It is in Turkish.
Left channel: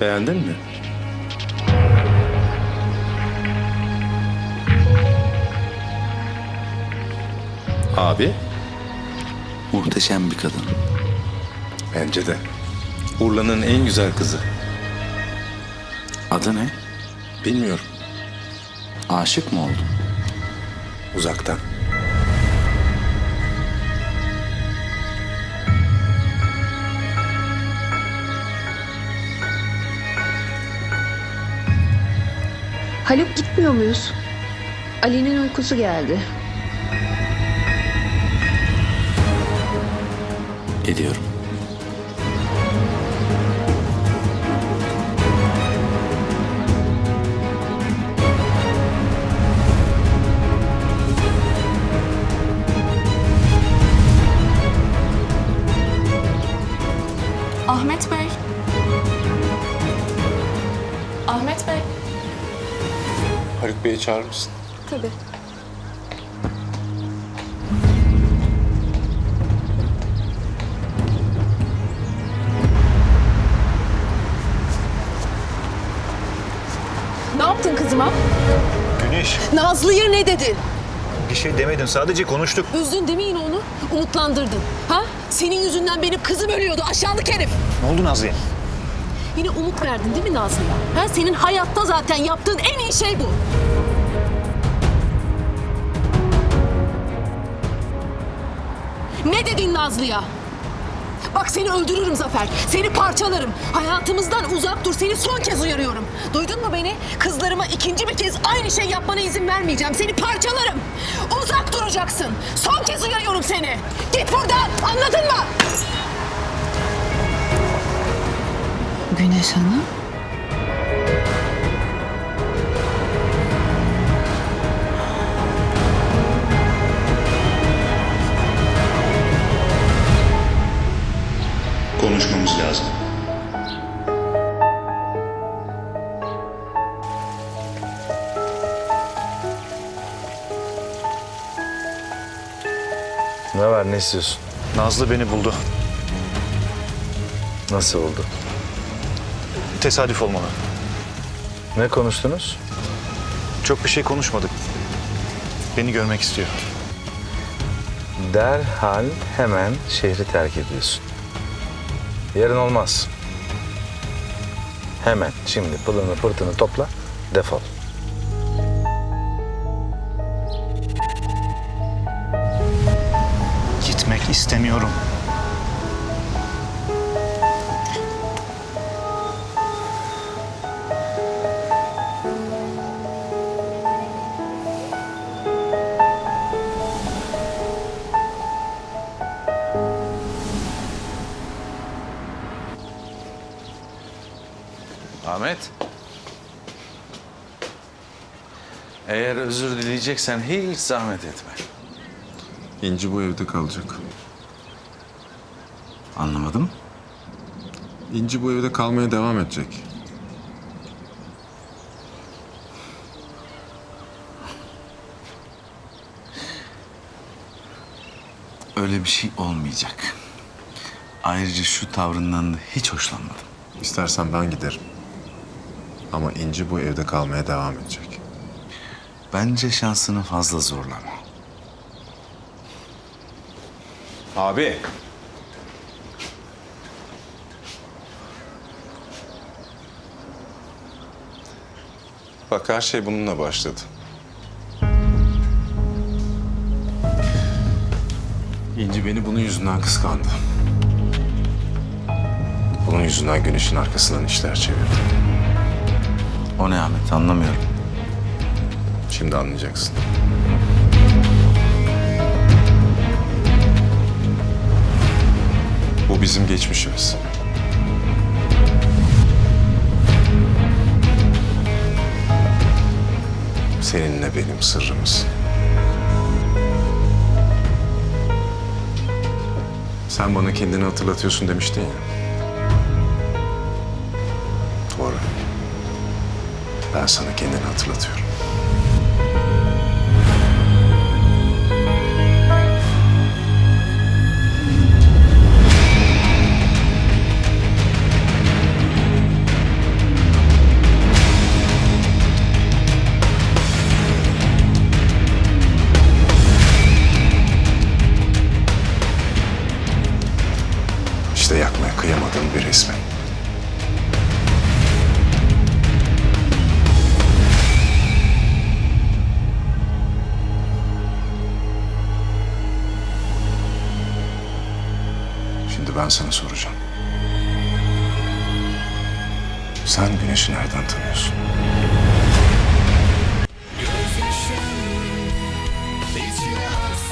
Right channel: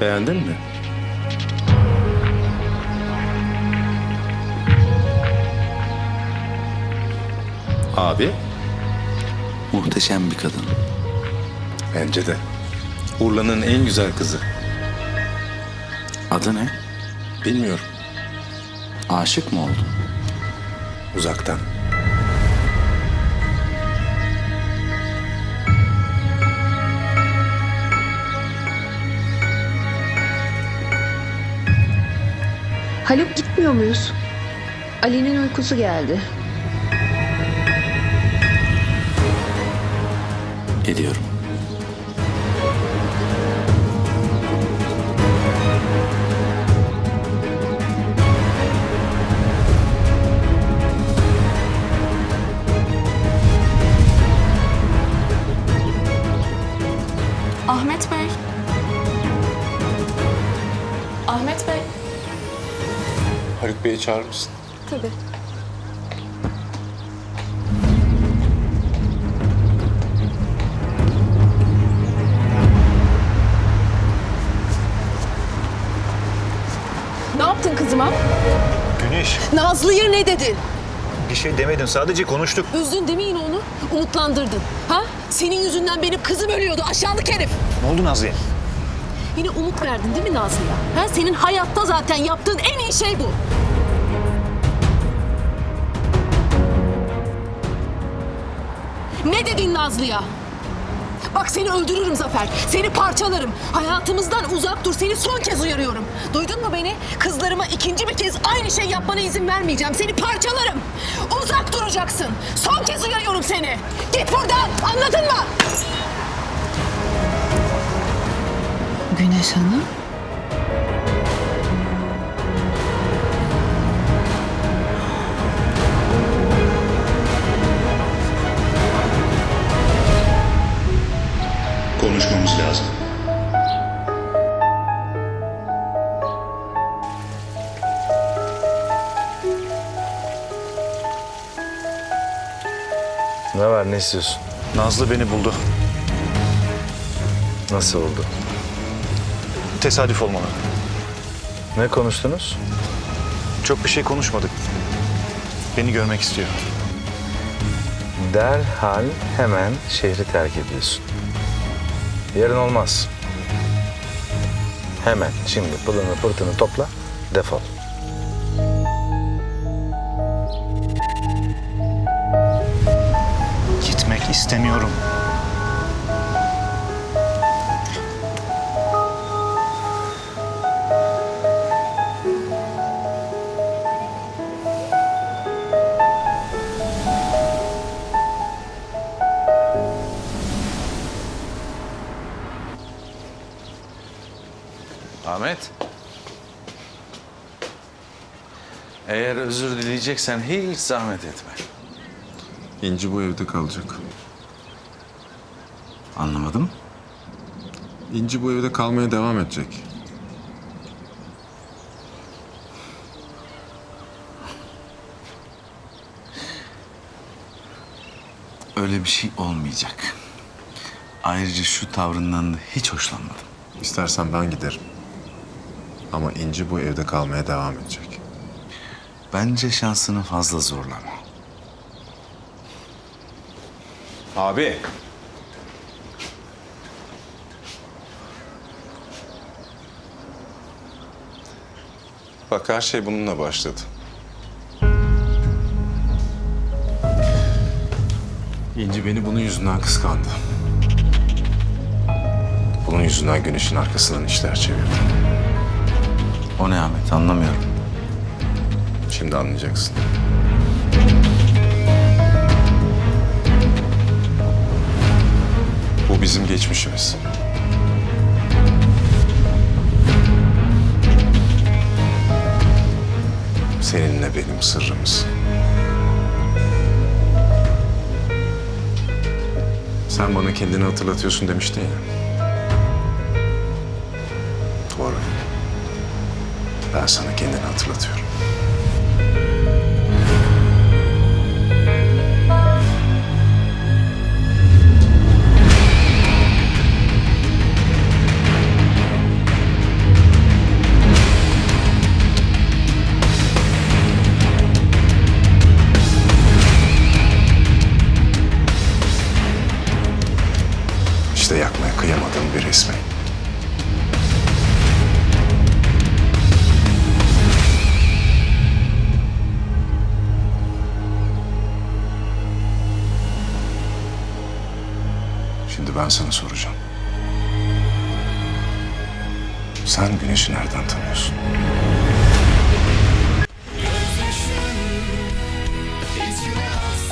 Beğendin mi? Abi, Muhteşem bir kadın. bence de. Urla'nın en güzel kızı. Adı ne? Bilmiyorum, Aşık mı oldun? uzaktan. Haluk gitmiyor muyuz? Ali'nin uykusu geldi. Geliyorum. Ahmet Bey. Ahmet Bey. Haluk Bey'i çağırır mısın? Tabii. Ne yaptın kızıma? Güneş, Nazlı'ya ne dedin? bir şey demedim. Sadece konuştuk. Üzdün değil mi yine onu? Umutlandırdın. Ha? Senin yüzünden benim kızım ölüyordu aşağılık herif. Ne oldu Nazlı'ya? Yine umut verdin değil mi Nazlı'ya? Ha? Senin hayatta zaten yaptığın en iyi şey bu. Ne dedin Nazlı'ya? Bak seni öldürürüm Zafer. Seni parçalarım. Hayatımızdan uzak dur. Seni son kez uyarıyorum. Duydun mu beni? Kızlarıma ikinci bir kez aynı şey yapmana izin vermeyeceğim. Seni parçalarım. Uzak duracaksın. Son kez uyarıyorum seni. Git buradan. Anladın mı? Güneş Hanım. Konuşmamız lazım. Ne var ne istiyorsun? Nazlı beni buldu. Nasıl oldu? Tesadüf olmalı. Ne konuştunuz? Çok bir şey konuşmadık. Beni görmek istiyor. Derhal hemen şehri terk ediyorsun. Yarın olmaz. Hemen şimdi pılını pırtını topla defol. Gitmek istemiyorum. Ahmet. Eğer özür dileyeceksen hiç zahmet etme. İnci bu evde kalacak. Anlamadım. İnci bu evde kalmaya devam edecek. Öyle bir şey olmayacak. Ayrıca şu tavrından da hiç hoşlanmadım. İstersen ben giderim. Ama İnci bu evde kalmaya devam edecek. Bence şansını fazla zorlama. Abi. Bak her şey bununla başladı. İnci beni bunun yüzünden kıskandı. Bunun yüzünden güneşin arkasından işler çevirdi. O ne Ahmet anlamıyorum. Şimdi anlayacaksın. Bu bizim geçmişimiz. Seninle benim sırrımız. Sen bana kendini hatırlatıyorsun demiştin ya. Ben sana kendini hatırlatıyorum. İşte yakmaya kıyamadığım bir resmi. Ben sana soracağım. Sen güneşi nereden tanıyorsun? Güneşe baksa